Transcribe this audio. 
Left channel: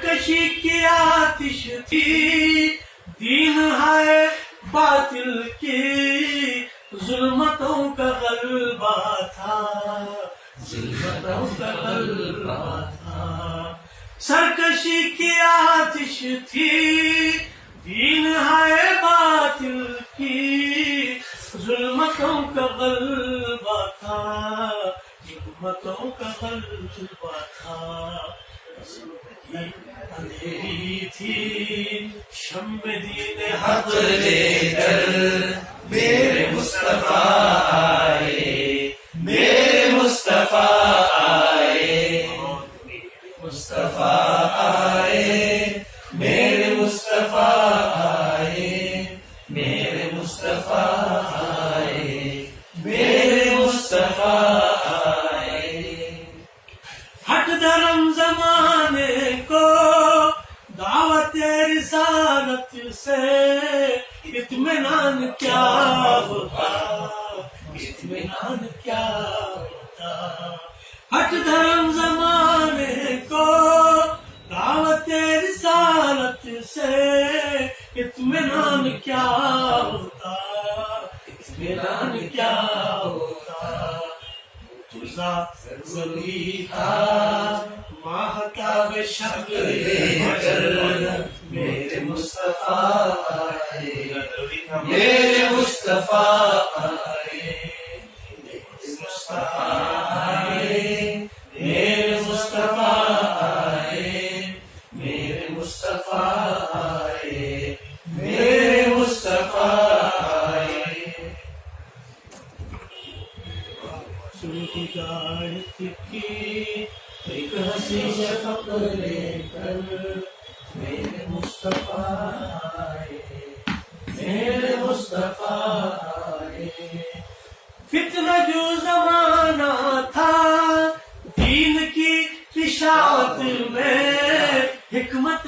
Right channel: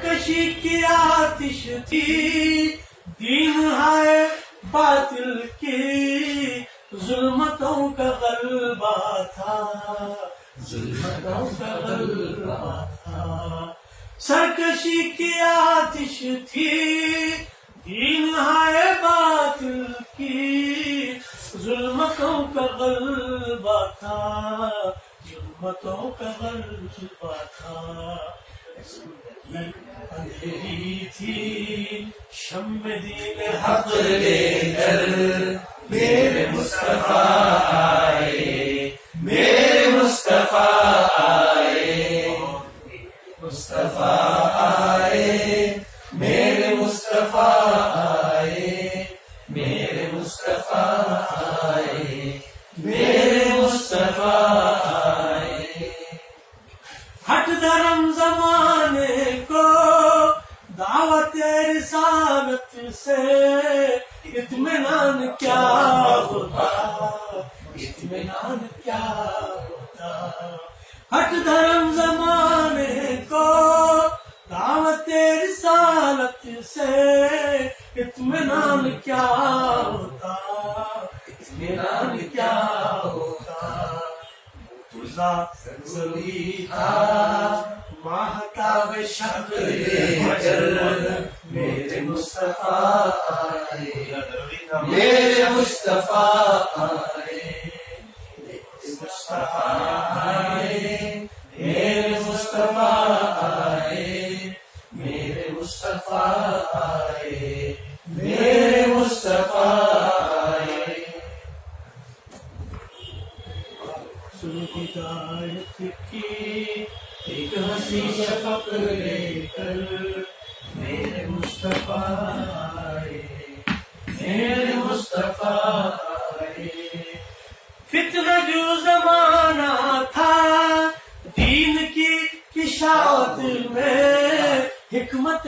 سرکشی کی آتش تھی، دین ہے باطل کی، ظلمتوں کا غلبہ تھا، ظلمتوں کا غلبہ تھا۔ سرکشی کی آتش تھی، دین ہے باطل کی، ظلمتوں کا غلبہ تھا، ظلمتوں کا غلبہ تھا۔ زندگی اندھیری تھی، شمع دین حق لے کر میرے مصطفیٰ آئے، میرے مصطفیٰ آئے، مصطفیٰ آئے، میرے مصطفیٰ آئے، میرے مصطفیٰ آئے، میرے مصطفیٰ آئے۔ ہٹ دھرم زمانے کو دعوت رسالت سے اطمینان کیا ہوتا، اطمینان کیا ہوتا۔ ہٹ دھرم زمانے کو دعوت رسالت سے اطمینان کیا ہوتا، اطمینان کیا ہوتا۔ ذات ضروری تھا ماہتاب شکل لے کر میرے مصطفیٰ آئے، میرے مصطفیٰ آئے، میرے مصطفیٰ آئے، میرے مصطفیٰ آئے، میرے مصطفیٰ آئے، میرے مصطفیٰ آئے۔ ہدایت کی ایک حسین شفق لے کر میرے مصطفیٰ آئے، میرے مصطفیٰ آئے۔ فتنہ جو زمانہ تھا دین کی اشاعت میں، حکمت